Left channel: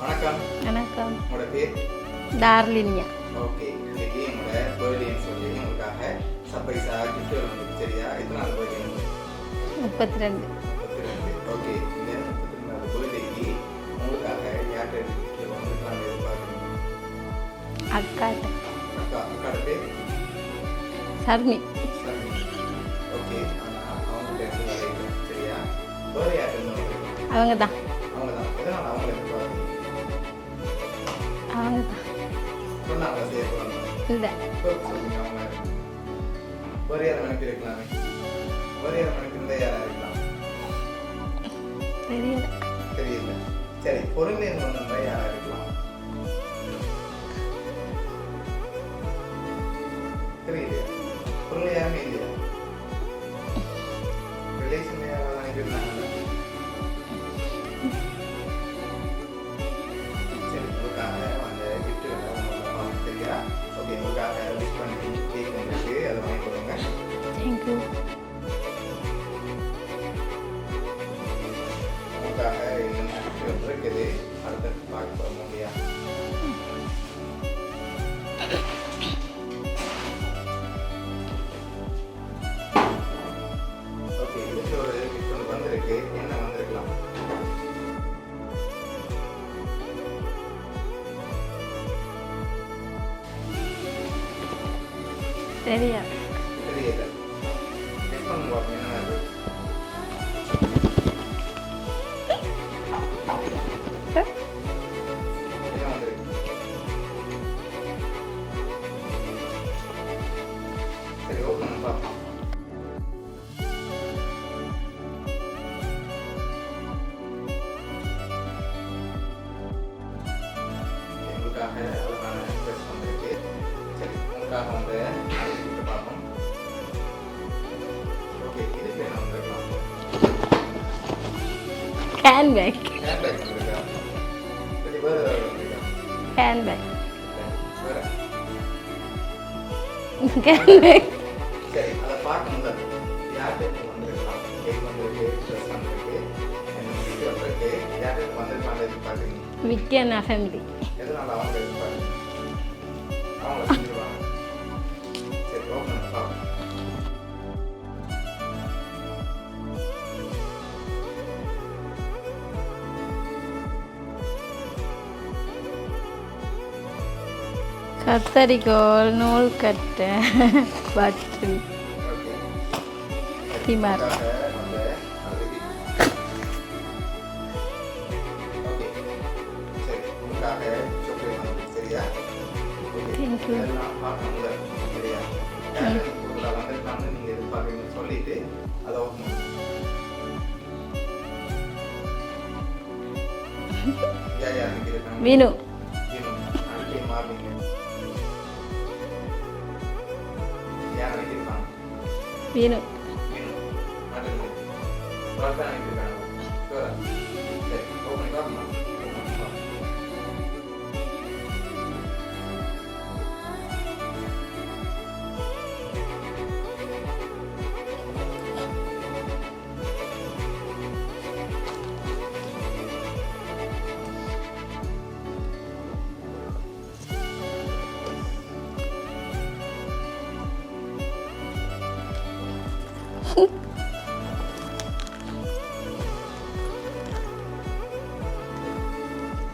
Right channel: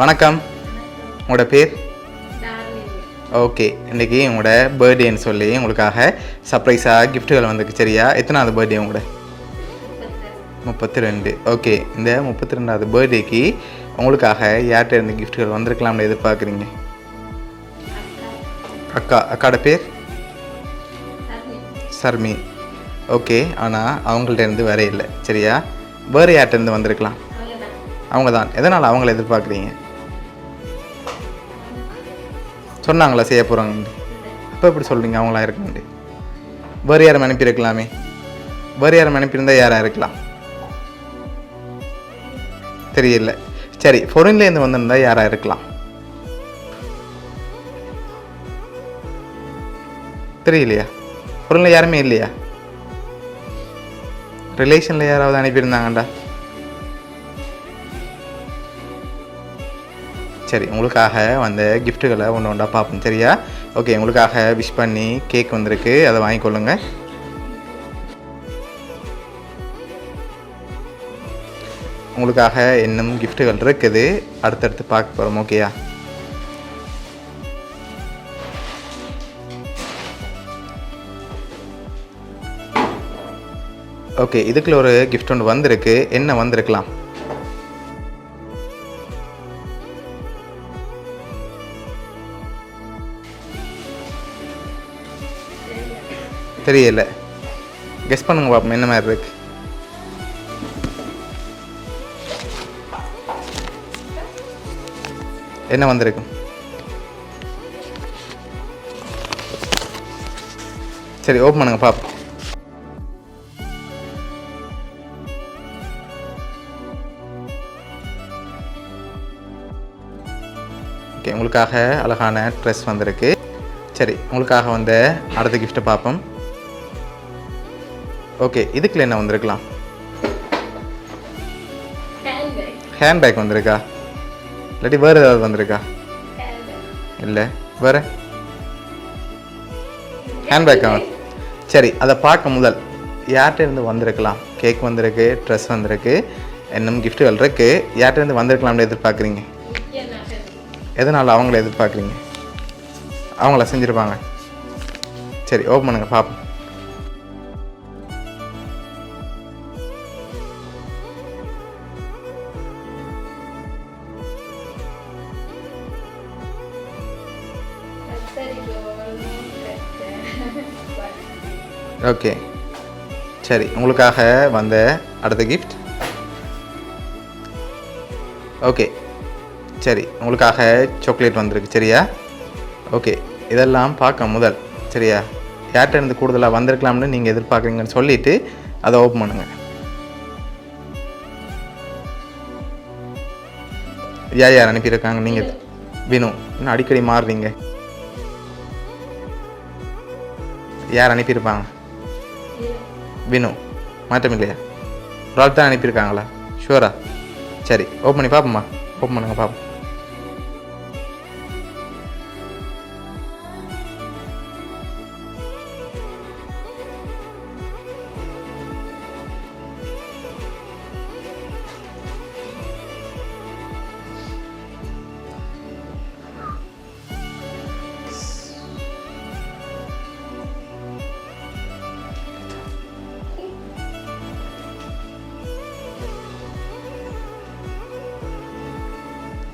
வணக்கம். வணக்கம். உங்களோட பேர்? டார்லினியா. ஓகே, இன்றைக்கி உங்களோட பர்த்டேன்னு சொல்லி உங்களுக்காக சர்ப்ரைஸாக கிஃப்ட்டுகள் வந்துருக்கு. சரியா? எத்தனாவது பர்த்டே உங்களோட? 32. ஓகே, இந்த 32வது பர்த்டேக்கு உங்களுக்காக யார்கிட்ட இருந்து கிஃப்ட்டுகள் வந்திருக்கலாம்னு எதிர்பார்க்குறீங்க? அக்காவோட பேர்? சர்மி. ஓகே, ஆனால் அவங்கள்ட்ட இருந்து வேற இல்லை. சரியா? வேறு யார்கிட்ட இருந்து வந்திருக்கலாம்? அவங்க தான். எதனால் அவங்கள எதிர்பார்க்குறீங்க? சொன்னாங்களா செய்ய போகிறாங்க? இப்போ எப்படி சொல்கிறீங்க அவங்களா இருக்குண்டு? வேறு யாரும் அனுப்பியிருக்கலாமே. வேறு யாரும் அனுப்பியிருந்தால் யாராக இருக்கலாம்? தெரியல. சரி, ஃபொரின்லேருந்து வந்திருந்தா யாராக இருக்கலாம்? தெரியலையா? ஃபொரினில் யாருமே இல்லையா? ரிலேஷனில் யாராவது அனுப்பியிருந்தாங்கண்டா? சரி, உங்களுக்காக வந்த கிஃப்ட்டுகளை ஒன்று ஒன்றா பார்ப்போம். சரியா? ஓகே, உங்களுக்காக விஷ் பண்ணி கேக் வந்திருக்கு, அதை வாங்கிக்கொள்ளுங்க. உங்களுக்காக இன்னும் கிஃப்ட்டுகள் இருக்குது, அடுத்தடுத்து பார்க்க போகிறோம். ஓகேயா? ஓகே, இதுக்குள்ள ஒரு கிஃப்ட் ஒன்று வந்திருக்கு. என்ன வந்திருக்கலாம்? தெரியல. கெஸ் பண்ணுங்க பாப்போம் என்ன மாதிரி இருக்கு. என்ன வந்திருக்கு? சரி, ஓப்பன் பண்ணுங்க பாப்போம். ஓகே, உங்களுக்காக அழகான ட்ரெஸ் வந்திருக்கு. சரி, உங்களுக்காக வந்த அடுத்த கிஃப்ட்டை பார்ப்போம். ஓகே, இதுக்குள்ள என்ன வந்திருக்கலாம்? ஹேண்ட்பேக் வந்திருக்கா? இல்லாட்டி வேறு ஏதாவது வந்திருக்கா? இல்லை, வேறு ஹேண்ட்பேக்கா? சரி, அதை பார்க்க முதல் யார்கிட்ட இருந்து வந்திருக்கலாம்? கேக் வந்திருக்கு, ட்ரெஸ் வந்திருக்கு, இன்னும் கிஃப்ட்டுகள் இருக்கு. யார்கிட்ட இருந்து வந்திருக்கலாம்னு எதிர்பார்க்குறீங்க? எதனால் அவங்கள எதிர்பார்க்குறீங்க? அவங்கள செஞ்சுருப்பாங்க. சரி, ஓப்பன் பண்ணுங்க பார்ப்போம். கத்தரிக்கோல், நூல் கட்டை, பாட்டில். ஓகே, சரி, உங்களுக்காக வந்த அடுத்த கிஃப்ட். ஓகே, சரி, உங்களுக்காக சாக்லேட் வந்திருக்கு. சரியா? ஓகே, இதெல்லாம் பார்க்க முதல். சரியா? யார்கிட்ட இருந்து கூடுதலாக வந்திருக்கலாம்னு நீங்கள் எதிர்பார்க்குறீங்கன்னு சொல்லிவிட்டு அதை ஓப்பன் பண்ணுங்கள். யார் அனுப்பியிருக்காங்க? நீங்கள் வினு. இன்னும் அடிக்கடி மாறுறீங்க. யார் அனுப்பியிருப்பாங்க? வினு. மாற்றம் இல்லையா? ஒரு ஆள் தான் அனுப்பியிருக்காங்களா? ஷுவரா? சரி, ஓப்பன் பண்ணி பார்ப்போம்மா. ஓப்பன் பண்ணுங்க பார்ப்போம்.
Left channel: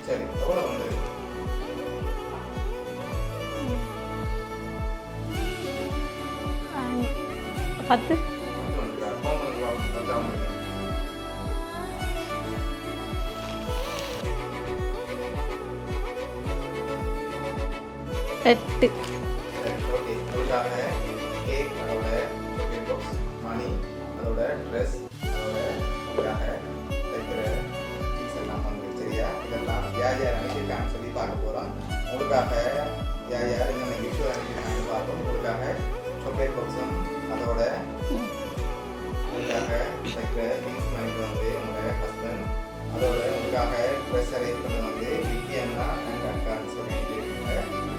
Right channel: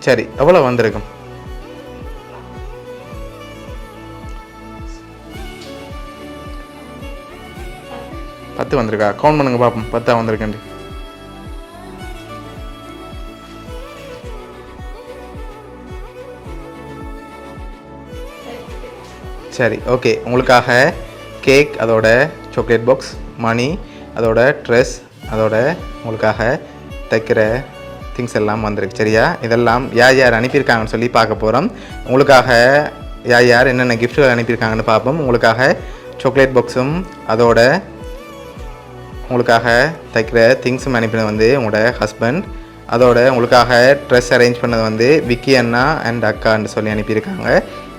சரி, எவ்வளோ வந்திருக்கும்? 10 வந்திருக்கா? கவுண்ட் பண்ணுங்க பார்ப்போம். 10 வந்திருக்கேன். சரி, ஓகே, உங்களுக்காக கேக், அதோட சாக்லேட் பாக்ஸ், மணி, அதோட ட்ரெஸ், அதோட உங்களுக்காக தைக்கிற திங்ஸ் எல்லாம் வந்திருக்கு. சரியா? இதெல்லாம் யார் அனுப்பியிருக்காங்கன்னு சொல்லி பார்க்க போகிறோம். உங்களுக்காக யார் என்னென்ன கிஃப்ட்டுகள் அனுப்பியிருக்காங்கன்னு பார்ப்போம். உங்களுக்காக சாக்லேட் பாக்ஸும் அதோட உங்களுக்காக தைக்கிற திங்ஸும் அனுப்பினது வந்து உங்களோட ஹஸ்பண்ட். அதோட உங்களுக்காக ட்ரெஸ் அரேஞ்ச் பண்ணது வந்து விக்கி அண்ணா அண்ட் அக்கான்னு சொல்லி அனுப்பியிருக்காங்க.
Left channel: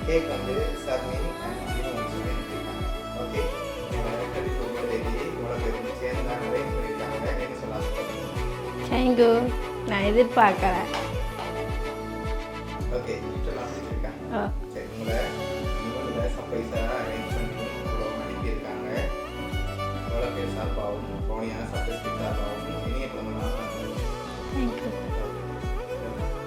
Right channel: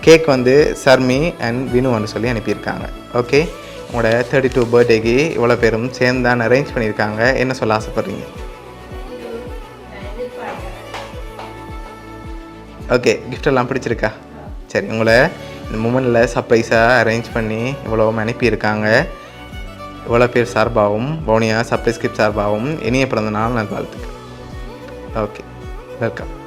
கேக் வந்து சர்மி அண்ட் வினுன்னு சொல்லி அனுப்பியிருக்காங்க. ஓகே, உங்களோட 32 பர்த்டேக்கு இவ்வளோ பேரும் சேர்ந்து தான் அரேஞ்ச் பண்ணியிருக்காங்க. என்ன சொல்ல ஆசைப்படுறீங்க? தேங்க்யூ. நான் எதிர்பார்க்கல. ஓகே gift எல்லாம் பிடிச்சிருக்கா? ஆ. சரி, உங்களை இந்த மூமெண்ட்டில் சர்ப்ரைஸாக அரேஞ்ச் பண்ணி இவ்வளோ அனுப்பியிருக்காங்க. இவ்வளோ பேர் சார்பாகவும் வவுனியா சர்ப்ரைஸ் கிஃப்ட் சார்பாகவும் இனிய பிறந்த நாள் நல்வாழ்த்துக்கள். Okay, welcome.